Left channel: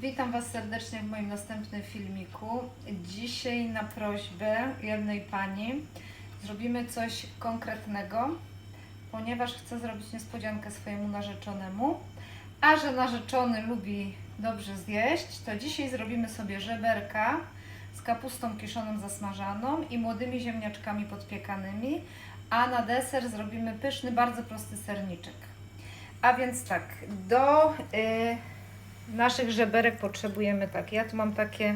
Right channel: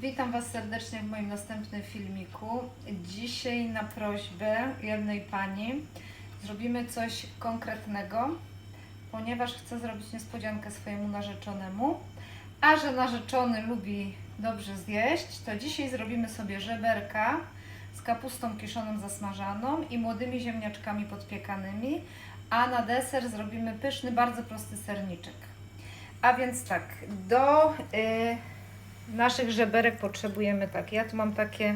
Witam Was serdecznie w moim następnym filmiku. Dzisiaj na prośbę jednej pani zrobimy coś konkretnego, ponieważ chcę zrobić niespodziankę swojemu narzeczonemu. A że narzeczony lubi dobrze zjeść, to dzisiaj zrobimy sobie żeberka z kapustą kiszoną zasmażaną i młodymi ziemniaczkami podpiekanymi, a na deser zrobimy pyszny, bardzo prosty serniczek. A więc tak, do... y, naszych żeberek potrzebujemy tak. Ja tu mam takie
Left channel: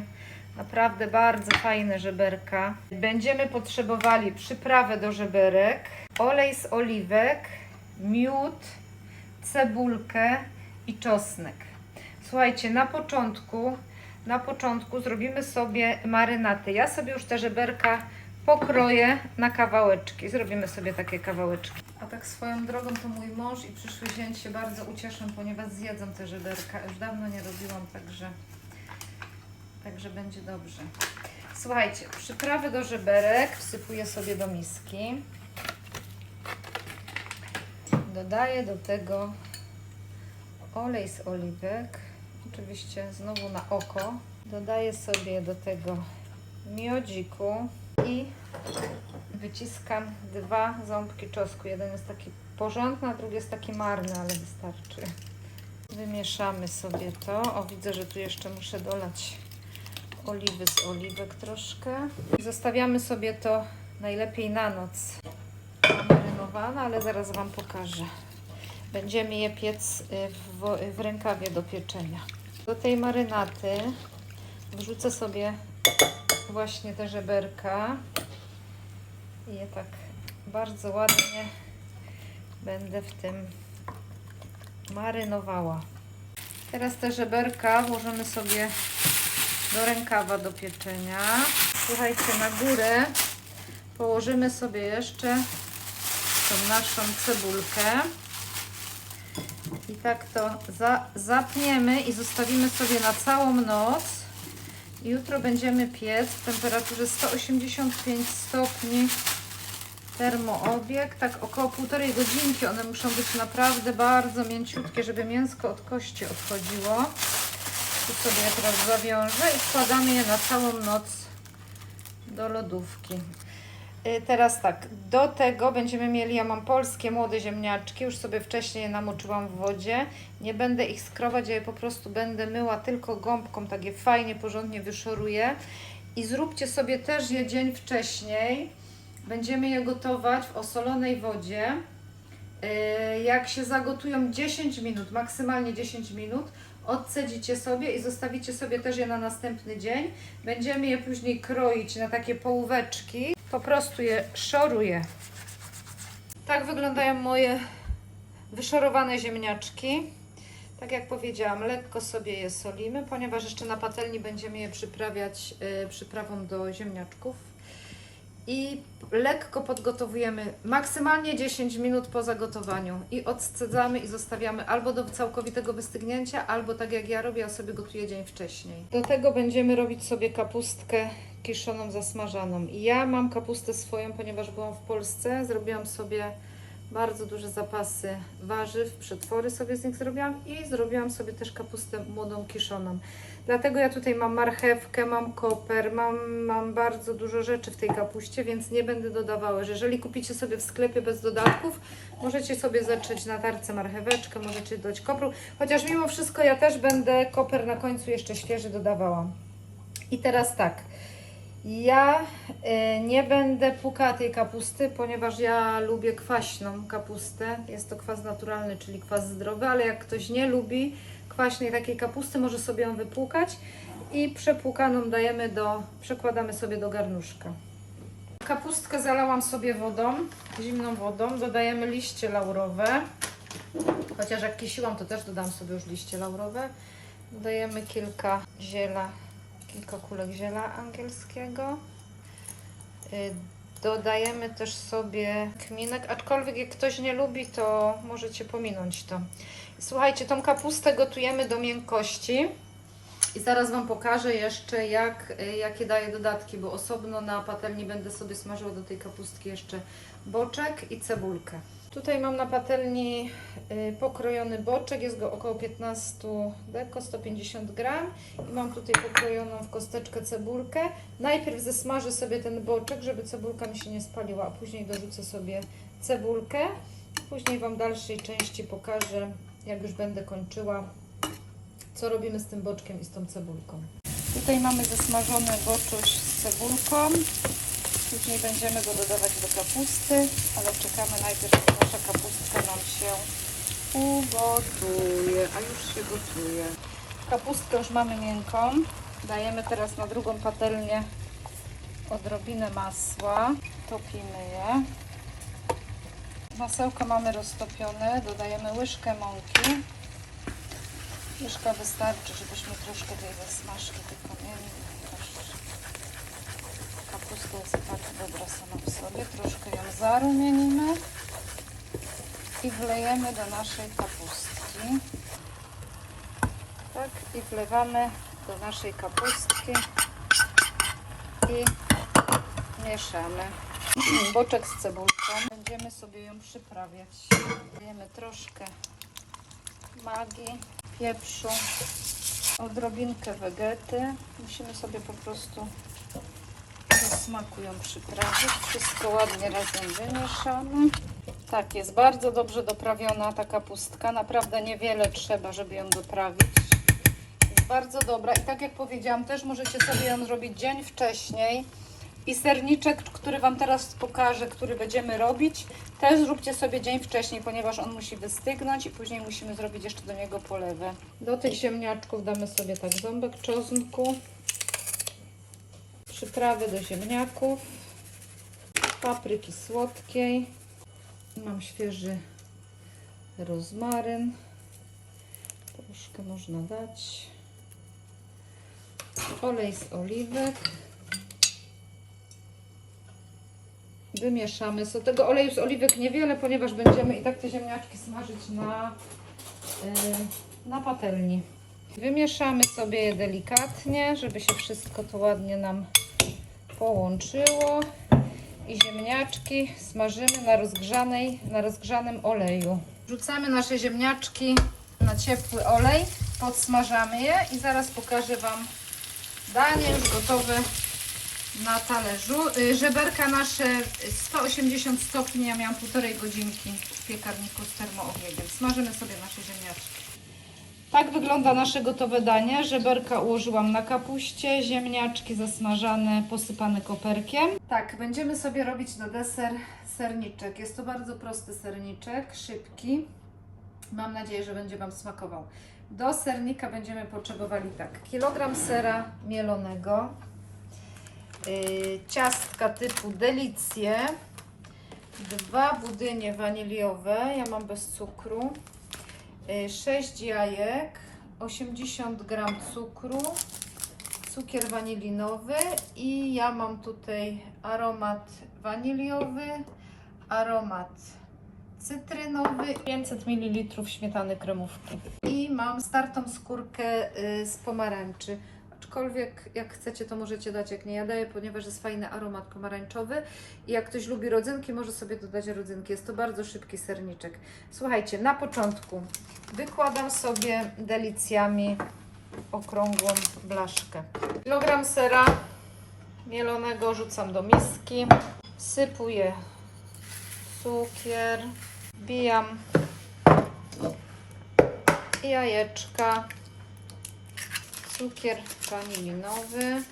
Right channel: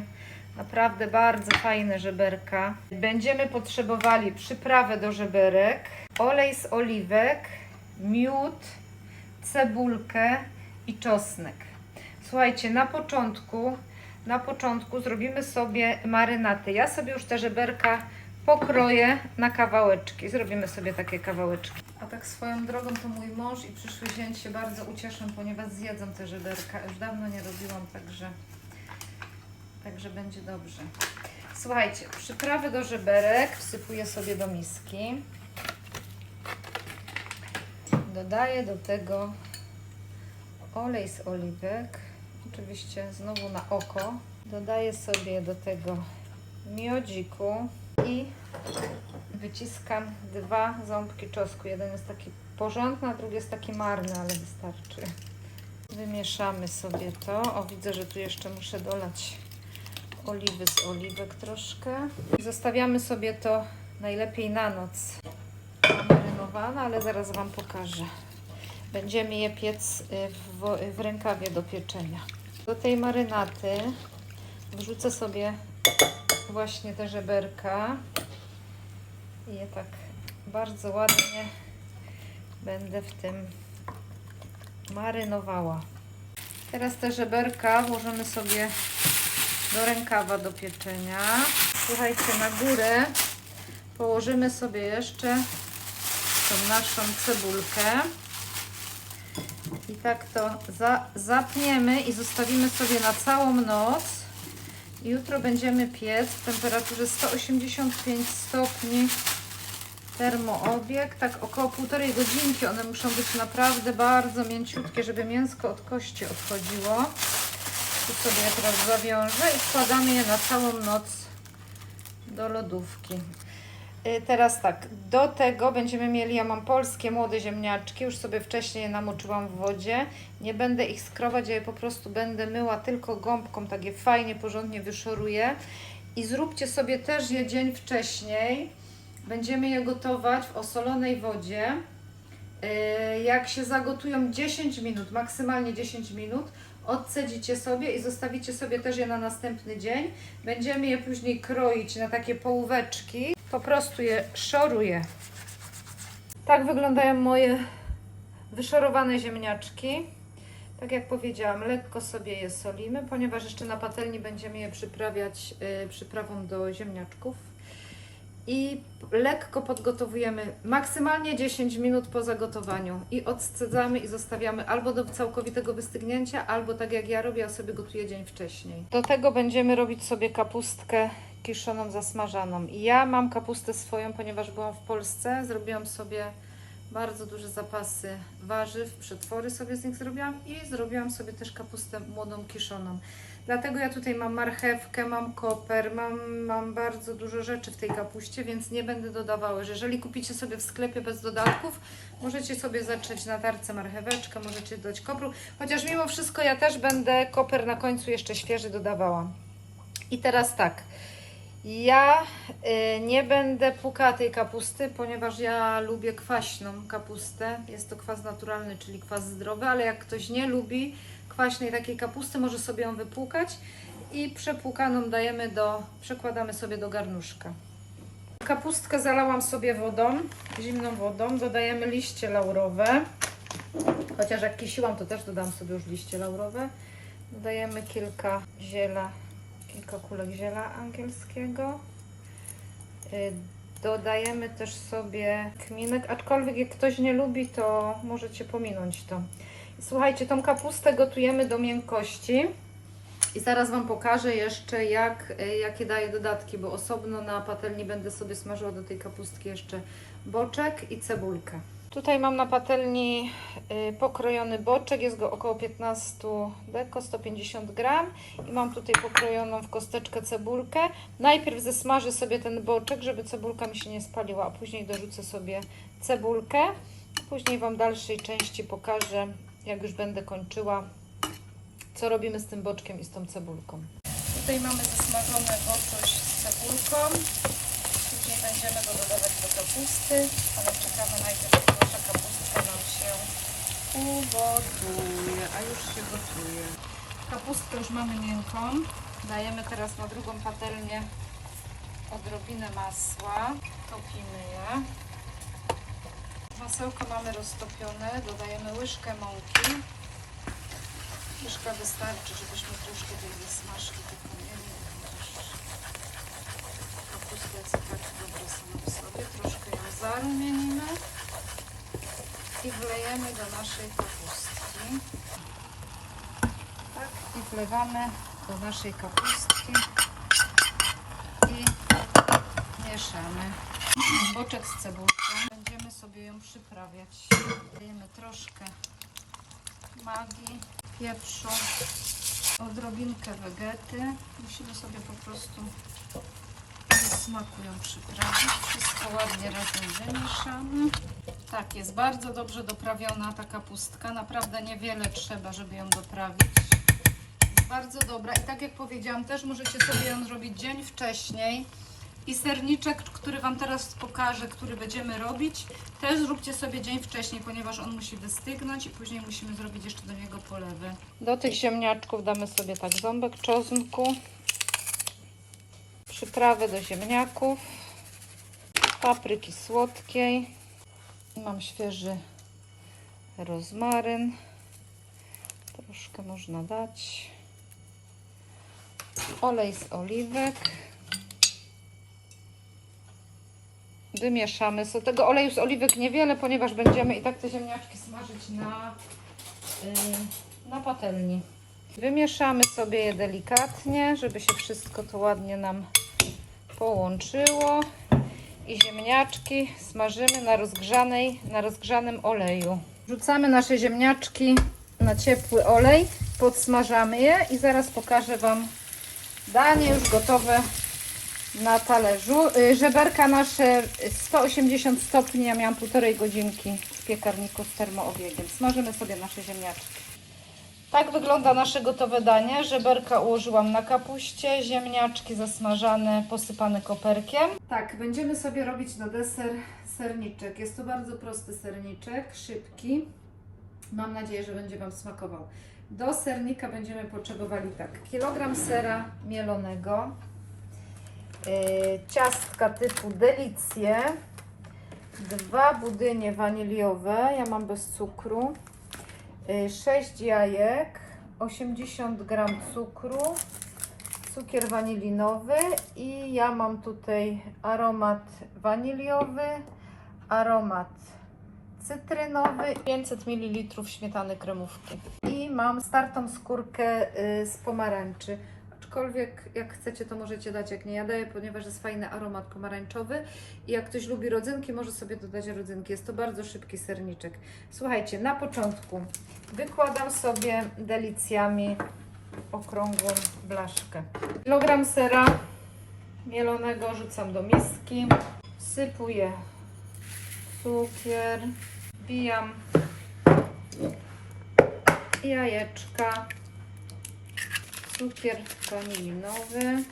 naprawdę bardzo fajne żeberka. Będziemy potrzebowali przyprawę do żeberek, olej z oliwek, miód, cebulkę i czosnek. Słuchajcie, na początku, na początku zrobimy sobie marynaty. Ja sobie już te żeberka pokroję na kawałeczki. Zrobimy sobie takie kawałeczki. Tak swoją drogą to mój mąż i przyszły zięć się bardzo ucieszą, ponieważ zjedzą te żeberka. Już dawno nie robiłam, także, także będzie dobrze. Słuchajcie, przyprawy do żeberek wsypuję sobie do miski. Dodaję do tego olej z oliwek, oczywiście znowu na oko. Dodaję sobie do tego miodziku i wyciskam dwa ząbki czosnku. Jeden jest taki porządny, a drugi jest taki marny, ale wystarczy. Wymieszamy sobie to. O, widzę, że tu jeszcze muszę dolać oliwy z oliwek troszkę. Zostawiamy sobie to najlepiej na noc marynowane, ale zaraz Wam pokażę. Będziemy je piec y, w, w rękawie do pieczenia. Do tej marynaty wrzucę sobie właśnie te żeberka i je tak bardzo ładnie będę w tym marynowała. Teraz te żeberka włożymy sobie do rękawa do pieczenia. Słuchajcie, na górę położymy sobie jeszcze tą naszą cebulkę. I tak to za, zapniemy i zostawimy sobie na całą noc. Jutro będziemy piec w temperaturze 185 stopni termoobieg, tak około półtorej godzinki. One muszą być naprawdę bardzo mięciutkie, żeby mięsko od kości odchodziło. Tu sobie je teraz zawiążę i wkładamy je na całą noc do lodówki. Y, Teraz tak, do tego będziemy mieli, ja mam polskie młode ziemniaczki, już sobie wcześniej je namoczyłam w wodzie. Nie będę ich skrować, ja je po prostu będę myła tylko gąbką, tak je fajnie, porządnie wyszoruję. I zróbcie sobie też je dzień wcześniej. Będziemy je gotować w osolonej wodzie. Y, Jak się zagotują 10 minut, maksymalnie 10 minut, odcedzicie sobie i zostawicie sobie też je na następny dzień. Będziemy je później kroić na takie połóweczki. Po prostu je szoruję. Tak wyglądają moje wyszorowane ziemniaczki. Tak jak powiedziałam, lekko sobie je solimy, ponieważ jeszcze na patelni będziemy je przyprawiać y, przyprawą do ziemniaczków. I lekko podgotowujemy maksymalnie 10 minut po zagotowaniu i odcedzamy i zostawiamy albo do całkowitego wystygnięcia, albo tak jak ja robię, ja sobie gotuję dzień wcześniej. Do tego będziemy robić sobie kapustkę kiszoną, zasmażaną. I ja mam kapustę swoją, ponieważ byłam w Polsce, zrobiłam sobie bardzo duże zapasy warzyw, przetwory sobie z nich zrobiłam i zrobiłam sobie też kapustę młodą kiszoną. Dlatego ja tutaj mam marchewkę, mam koper, mam, mam bardzo dużo rzeczy w tej kapuście, więc nie będę dodawała. Że Jeżeli kupicie sobie w sklepie bez dodatków, możecie sobie zacząć na tarce marcheweczkę, możecie dodać kopru. Chociaż mimo wszystko ja też będę koper na końcu jeszcze świeży dodawała. I teraz tak. Ja y, nie będę pukała tej kapusty, ponieważ ja lubię kwaśną kapustę. Jest to kwas naturalny, czyli kwas zdrowy, ale jak ktoś nie lubi kwaśnej takiej kapusty, może sobie ją wypłukać i przepłukaną dajemy do, przekładamy sobie do garnuszka. Kapustkę zalałam sobie wodą, zimną wodą, dodajemy liście laurowe. Chociaż jak kisiłam, to też dodam sobie już liście laurowe. Dodajemy kilka ziela kilka kulek ziela angielskiego. Y, Dodajemy też sobie kminek, aczkolwiek jak ktoś nie lubi, to możecie pominąć to. Słuchajcie, tą kapustę gotujemy do miękkości. I zaraz Wam pokażę jeszcze, jak, y, jakie daję dodatki, bo osobno na patelni będę sobie smażyła do tej kapustki jeszcze boczek i cebulkę. Tutaj mam na patelni y, pokrojony boczek, jest go około 15 deko, 150 gram i mam tutaj pokrojoną w kosteczkę cebulkę. Najpierw zesmażę sobie ten boczek, żeby cebulka mi się nie spaliła, a później dorzucę sobie cebulkę. Później Wam w dalszej części pokażę, jak już będę kończyła, co robimy z tym boczkiem i z tą cebulką. Tutaj mamy zesmażony boczuś z cebulką. Później będziemy go dodawać do kapusty, ale czekamy najpierw, aż nasza kapustka nam się ugotuje, a już się gotuje. Kapustkę już mamy miękką. Dajemy teraz na drugą patelnię odrobinę masła. Topimy je. Masełko mamy roztopione. Dodajemy łyżkę mąki. Łyżka wystarczy, żebyśmy troszkę tej zasmażki tylko mieli. Kapustka jest tak dobra sama w sobie. Zarumienimy i wlejemy do naszej kapustki. Tak, i wlewamy do naszej kapustki i mieszamy. Boczek z cebulką. Będziemy sobie ją przyprawiać. Dajemy troszkę magii, pieprzu, odrobinkę wegety. Musimy sobie po prostu do smaku ją przyprawić. Wszystko ładnie razem wymieszamy. Tak, jest bardzo dobrze doprawiona ta kapustka. Naprawdę niewiele trzeba, żeby ją doprawić. Jest bardzo dobra i tak jak powiedziałam, też możecie sobie ją zrobić dzień wcześniej. I serniczek, który Wam teraz pokażę, który będziemy robić, też zróbcie sobie dzień wcześniej, ponieważ on musi wystygnąć i później musimy zrobić jeszcze do niego polewę. Do tych ziemniaczków damy sobie tak ząbek czosnku, przyprawy do ziemniaków, papryki słodkiej, mam świeży rozmaryn, troszkę można dać, olej z oliwek, wymieszamy. Z tego oleju z oliwek niewiele, ponieważ będziemy i tak te ziemniaczki smażyć na, yy, na patelni. Wymieszamy sobie je delikatnie, żeby się wszystko to ładnie nam połączyło. I ziemniaczki smażymy na, rozgrzanej, na rozgrzanym oleju. Wrzucamy nasze ziemniaczki na ciepły olej, podsmażamy je i zaraz pokażę Wam danie już gotowe na talerzu. Y, Żeberka nasze 180 stopni, ja miałam półtorej godzinki w piekarniku z termoobiegiem. Smażymy sobie nasze ziemniaczki. Tak wygląda nasze gotowe danie. Żeberka ułożyłam na kapuście, ziemniaczki zasmażane, posypane koperkiem. Tak, będziemy sobie robić na deser serniczek. Jest to bardzo prosty serniczek, szybki. Mam nadzieję, że będzie Wam smakował. Do sernika będziemy potrzebowali tak, kilogram sera mielonego, yy, ciastka typu delicje, dwa budynie waniliowe, ja mam bez cukru, 6 jajek, 80 gram cukru, cukier wanilinowy i ja mam tutaj aromat waniliowy, aromat cytrynowy, 500 ml śmietany kremówki i mam startą skórkę y, z pomarańczy. Aczkolwiek jak chcecie, to możecie dać, jak nie ja daję, ponieważ jest fajny aromat pomarańczowy i jak ktoś lubi rodzynki, może sobie dodać rodzynki. Jest to bardzo szybki serniczek. Słuchajcie, na początku wykładam sobie delicjami okrągłą blaszkę. Kilogram sera mielonego rzucam do miski, wsypuję cukier, wbijam jajeczka, cukier wanilinowy.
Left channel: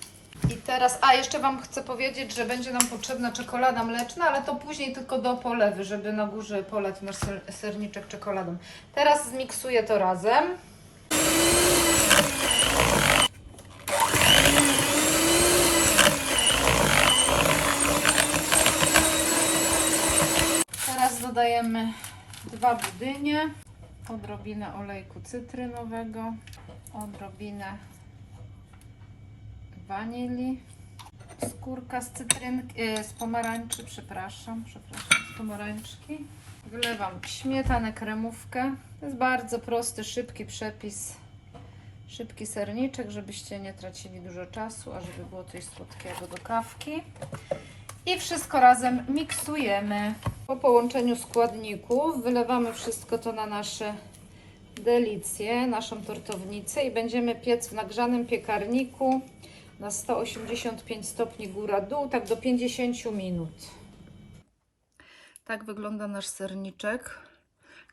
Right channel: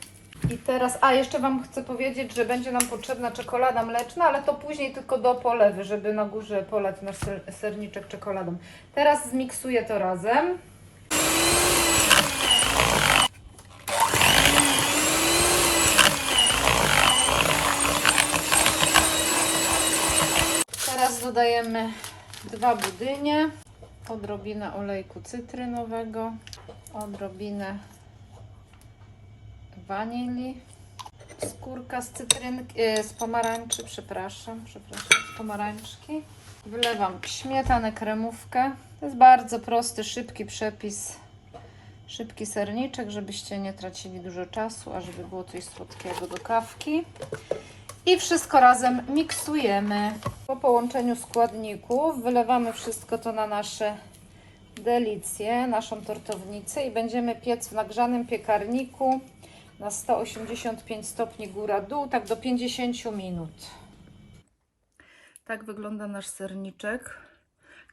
I teraz, a jeszcze Wam chcę powiedzieć, że będzie nam potrzebna czekolada mleczna, ale to później tylko do polewy, żeby na górze polać nasz ser, serniczek czekoladą. Teraz zmiksuję to razem. Teraz dodajemy dwa budynie, odrobinę olejku cytrynowego, odrobinę wanilii, skórka z cytrynki, e, z pomarańczy, przepraszam, przepraszam, z pomarańczki. Wylewam śmietanę, kremówkę. To jest bardzo prosty, szybki przepis, szybki serniczek, żebyście nie tracili dużo czasu, a żeby było coś słodkiego do kawki. I wszystko razem miksujemy. Po połączeniu składników wylewamy wszystko to na nasze delicje, naszą tortownicę i będziemy piec w nagrzanym piekarniku na 185 stopni góra-dół, tak do 50 minut. Tak wygląda nasz serniczek.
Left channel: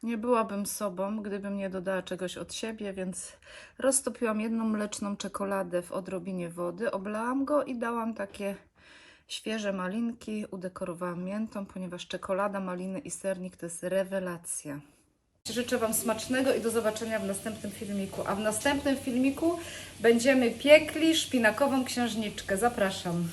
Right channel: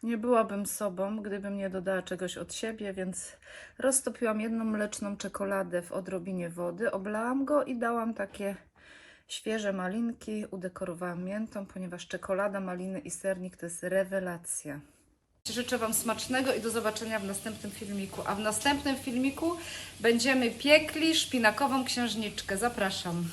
Nie byłabym sobą, gdybym nie dodała czegoś od siebie, więc roztopiłam jedną mleczną czekoladę w odrobinie wody, oblałam go i dałam takie świeże malinki, udekorowałam miętą, ponieważ czekolada, maliny i sernik to jest rewelacja. Życzę Wam smacznego i do zobaczenia w następnym filmiku. A w następnym filmiku będziemy piekli szpinakową księżniczkę. Zapraszam.